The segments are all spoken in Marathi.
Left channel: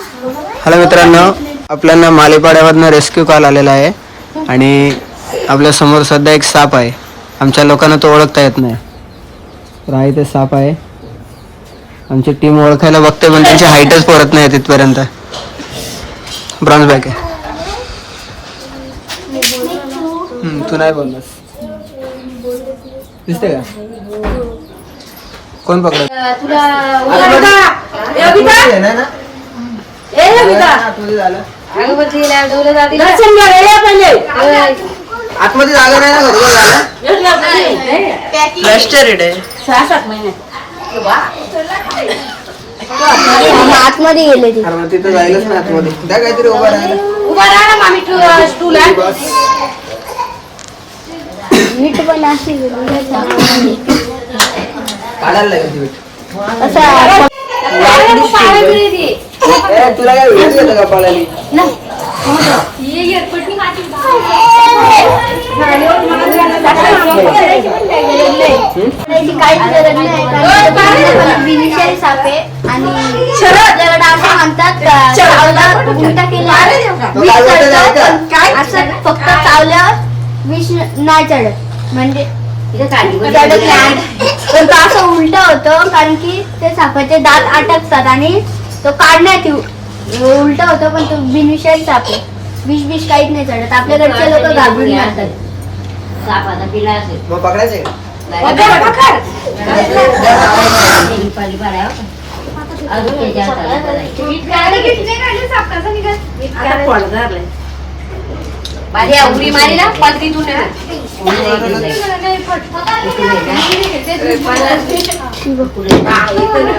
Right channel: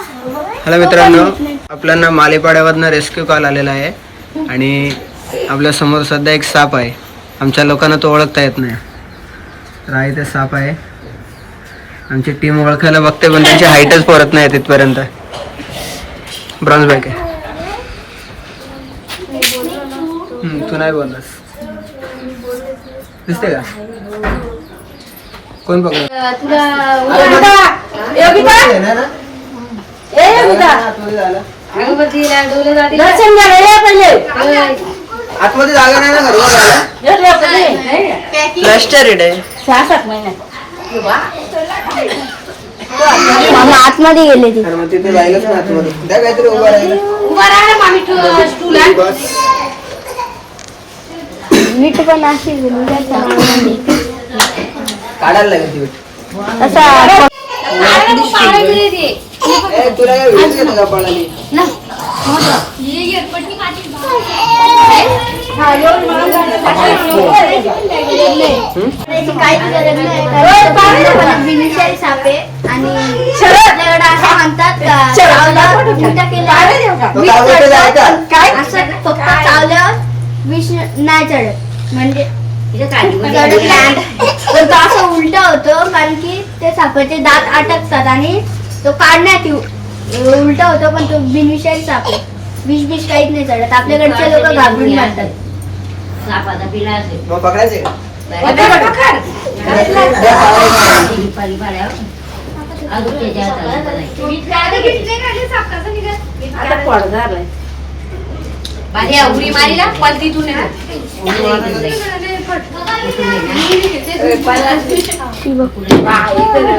हॅलो मित्रांनो आपल्याला मालेपाड्यावरनं रेस्क्यू कॉल आलेला आहे आणि आपल्यासमोर सध्या एक साप आहे आमच्या लोकांना तो ओळखता येत नाही तर आहे ते साप आहे आमची टीम ओळखायला बघते पण त्यांची हाईटच पोरत नाही तिथपर्यंत ब्रॉन्झ बॅग आहे तू नाही बोललास दिसते का कोण पकडलं आतमध्ये जागा नाही ना प्लॅस्टरेड आहे. आतमध्ये गेले ती. अरे मग तिथं जायलाच नाही आतमध्ये. त्या काहीतरी उभा राहिला बस. नीट पण अशी गेली काढायला लागेल ती. असं ए, तुला काय व्हिडिओ येतो का पळाली त्याची काहीच गरज नाही साप आणि असं म्हणतात का चावल्यावर उलटा असं फक्त चावल्यावर विष नाही चढत म्हणजे चढत नाही पण तो असं उलट होतो कारण की ते सापाचे दात अटकतात आणि तो काढण्यात उलट होतो पण तो बिनविषारी साप आहे विष विष काहीच नाही चढत. आपल्याकडचे लोक घाबरून मग पकडायचे का. उडी मारीला पण तिथून उडी पकडा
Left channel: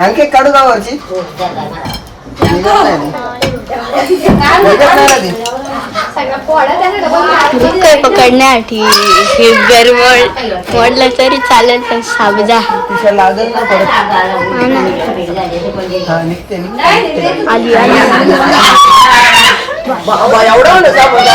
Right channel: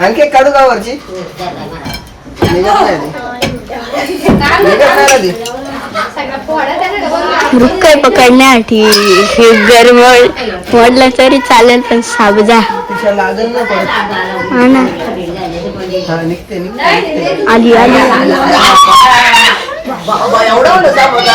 आणखी एक काढू का वरची निघत नाही ती. निघत नाही ना ती पकडण्यासाठी हे गरवळ पडलं तरी चालेल पण साबजा तिच्या लागल ना परत हा निघते निघते निघते. बा- बा- एवढा मोठा साप होता?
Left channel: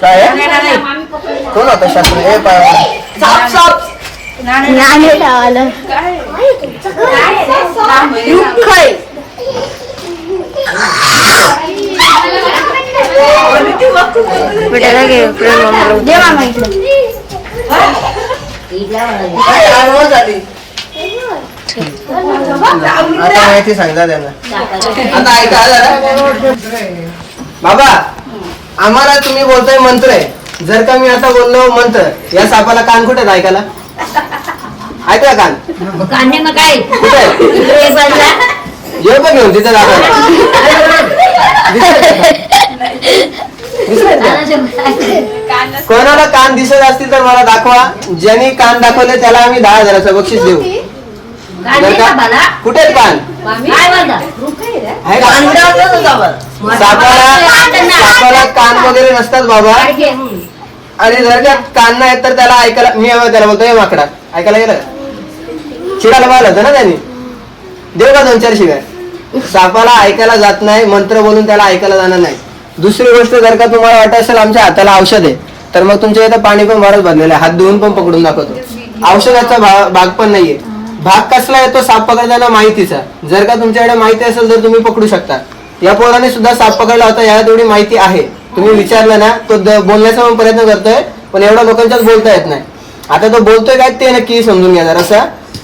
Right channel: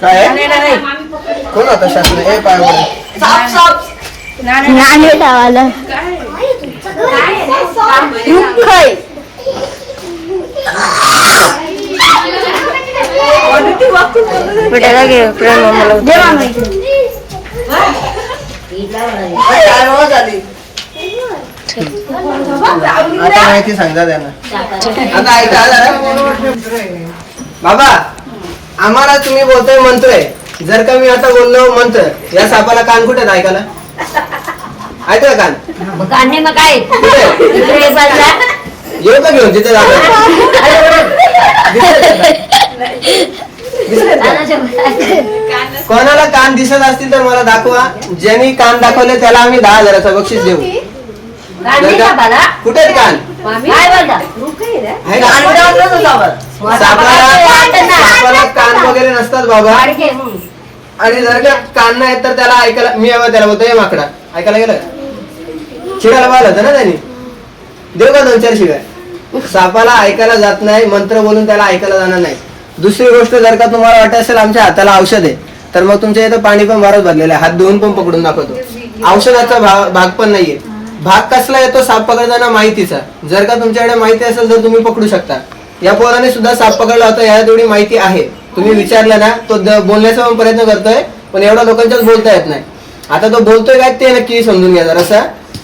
काय? कोण होता शास्त्र हे पाय भेटायला घे प्रेम मला आता माहिती सांगता त्यांना. आता ऐका जरा. बाबा आम्हाला तुम्ही बोलतोय मंत्र आहे. जर का मी आता बोललो मंत्र या सापाला कान कुठे ऐकायला? ऐकला कान कांदे मग काय? कुठे? आहे? इकडे बसला. येऊ का घेऊन तिथे? कोणाला कान दिसत असतील तर मला दाखवा. ज्यांनी कान दाखवले त्याला आम्ही दहा हजाराचं बक्षीस देऊ. का-? कुठे आहेत कान? आहे का? सापाला सापाला कान वगैरे नसतात बाबा. आणि जर का कान नाही तर त्याला ऐकायला मी त्याला बोलतो हे माकडा. ऐकायला गेलं का? शिकायला पाहिलं होतं ना त्यांनी? देऊ का दोन चार शिवाय? सापाला ऐकायला जात नाही मंत्र बोलून त्याला ऐकायला जाणार नाही. दुसरी गोष्ट जर का तुम्हाला वाटत असेल आमच्या हाताला औषध आहे तर मग तुमच्या इथं पाणी पण बरंच भरलेलं आहे. हात धुवून पण पकडून दाखवतो. औषधाचा भाग पण नाहीये. भाग कसला येतो साप पकडताना माहितीचा. जर का तुमच्याकडे माहिती असेल तर तुम्ही पकडू शकता. या पोराने सुद्धा साप पकडला होता याला थोडी माहिती आहे. तुम्ही विचारलं ना तो बोलण्याचा पण प्रयत्न करतोय पण एवढा लोकांच्याच बोलता येत नाही. आता तो बोलतोय काय ते नक्की समजून घ्या जरासा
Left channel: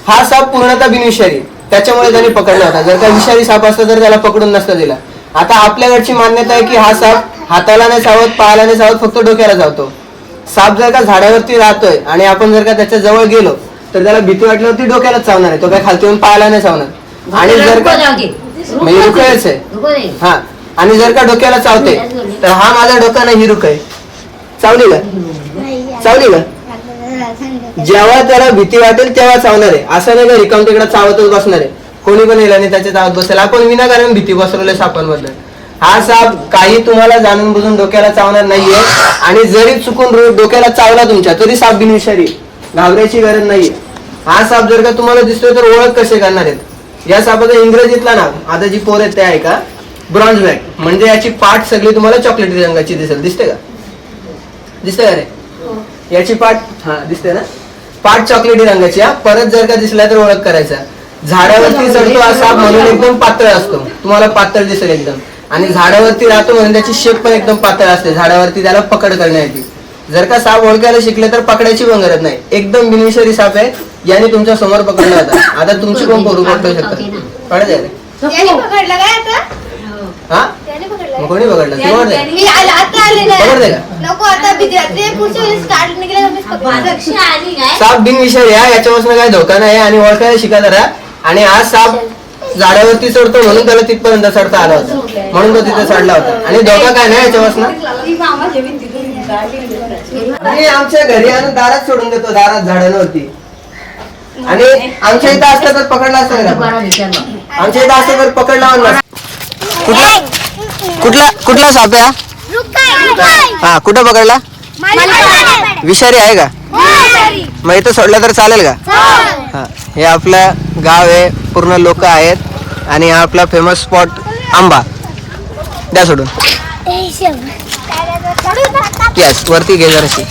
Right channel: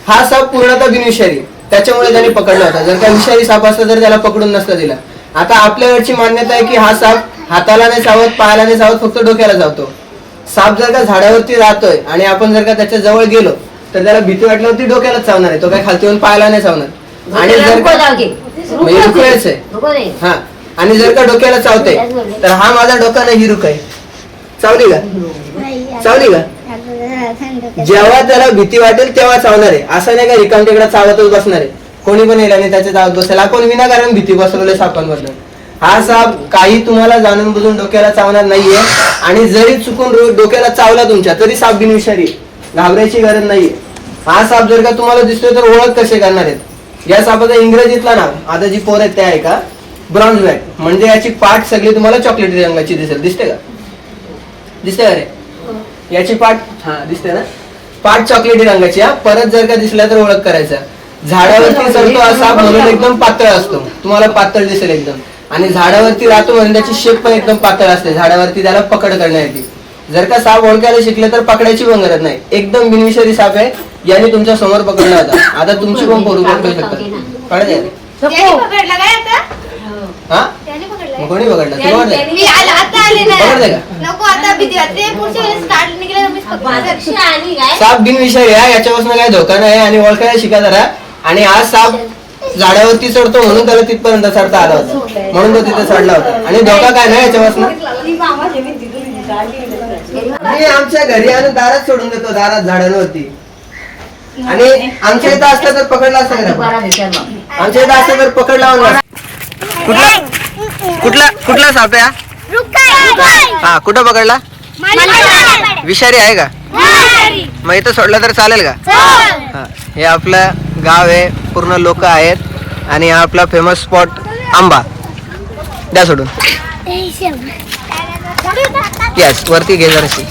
हा साप पूर्णतः बिनविषारी त्याच्यामुळे त्याने पकडला होता. जर का विषारी साप असता तर त्याला पकडून नसता दिला. आता आपल्याकडची मान्यता आहे की हा साप हाताला नाही चावत पायाला नाही चावत फक्त डोक्याला चावतो. साप जर का झाडावरती राहतोय आणि आपण जर का त्याच्याजवळ गेलो तर त्याला भीती वाटल्यावरती डोक्यालाच चावणार आहे. तो काय खालती येऊन पायाला नाही चावणार. आणि जर का. म्हणजे आहे. हा. आणि जर का डोक्याला चावते तर हा माझा डोका नाही हिरुक आहे. चावली का? चावली का? जेव्हा त्याला भीती वाटेल तेव्हा चावणार आहे. असं नाही का रिकाम तिकडे चावतच बसणार आहे. कोणी पण येईल आणि त्याच्या चावत बसेल. आपण विनाकारण भीती बसवले सापांबद्दल हा साप काही तुम्हाला जाणून बुजून डोक्याला चावणार नाहीये. आणि जरी चुकून डोक्याला चावला तुमच्या तरी साप बिनविषारी आहे. घाबरायची गरज नाहीये. हा साप जर का तुम्हाला दिसतोय तर ओळख कसे करणार आहेत? या सापाचा इंग्रजीतला नाव. आता जी पोर आहेत ते आहे का? Bronze bag. म्हणजे याची पाठ सगळी तुम्हाला चॉकलेटी रंगाची दिसेल. दिसते का? दिसते का रे? याची पाठ हा दिसते ना? पाठ चॉकलेटी रंगाची हा. परत जर का दिसला तर ओळख करायचा. झाडावरती चढतो असा म्हणून एकदम पातळ असतो. तुम्हाला पातळ दिसेल एकदम. आणि झाडावरती राहतो म्हणून त्याची शेप पण एकदम पातळ असते. झाडावरती त्याला पकड करण्यासाठी जर का साप ओळखायला शिकले तर पकडायची पण गरज नाही. एकदम बिनविषारी साप आहे. याने तुमच्यासमोर पकडला होता. आता तुमची पण पोरू पकडू शकतात? कळत आहे त्याने पकडलं काय आता हा? मग पकडलं कोणी पकडला? तू पकडते का? मी आला आता आले पकडते का? नको आता भीती वाटते पुढच्या वेळेस स्टार्ट निघले का मीच पकडलं साप बिनविषारी आहे. याच्यापासून काही धोका नाही आणि ओळखायला शिका जरा. आणि आज साप झाडावरती चढतो म्हणून त्याला तिथपर्यंत चढता आला होता. म्हणून तो तिथे चढला होता. आणि धोका काय नाही याच्यापासून? मी आमच्या घरी आणून दारात सोडून देतो दारात झाडांवरती. आणि आमच्या इथं असतं तर पकडला असतं का? आमच्या इथं असतं तर पकडला म्हणला. कुठला? कुठला? कुठला साप आहे हा? हा कुठं पकडला? विषारी आहे का? मग इथं सोडलं तर चालेल का? हा हे आपलं गाव आहे पूर्ण लोक आहेत आणि हा आपला फेमस स्पॉट आंबा. द्या सोडून. यस वरती घे जराशी.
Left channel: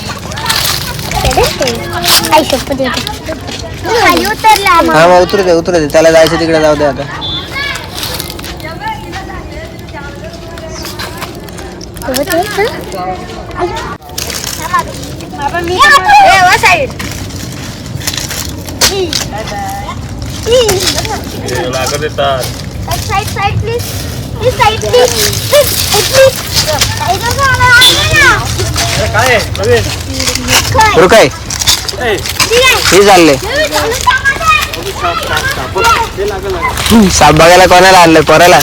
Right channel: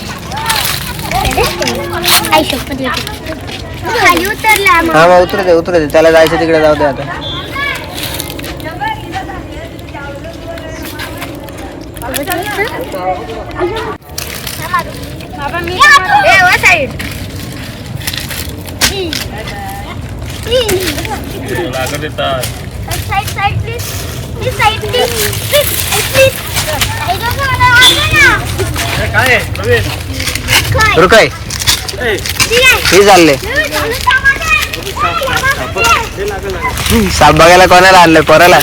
हा मग उतरू दे उतरू दे. त्याला जायचं तिकडे जाऊ दे आता. रुकाय. हे चालले साप बघायला कोणाला आणलंय? पोराला.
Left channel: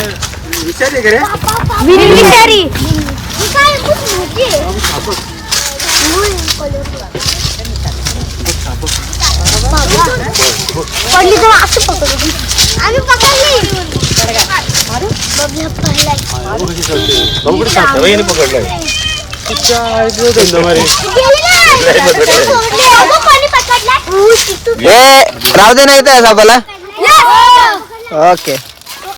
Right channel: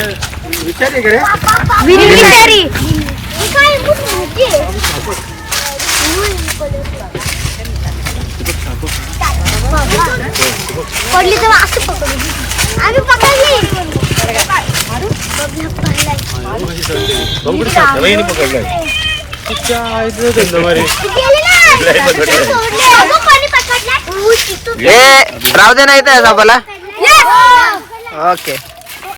पडली तर असं पकडली आम्ही पकडली ए राहू दे नाही त्या सापाला ओके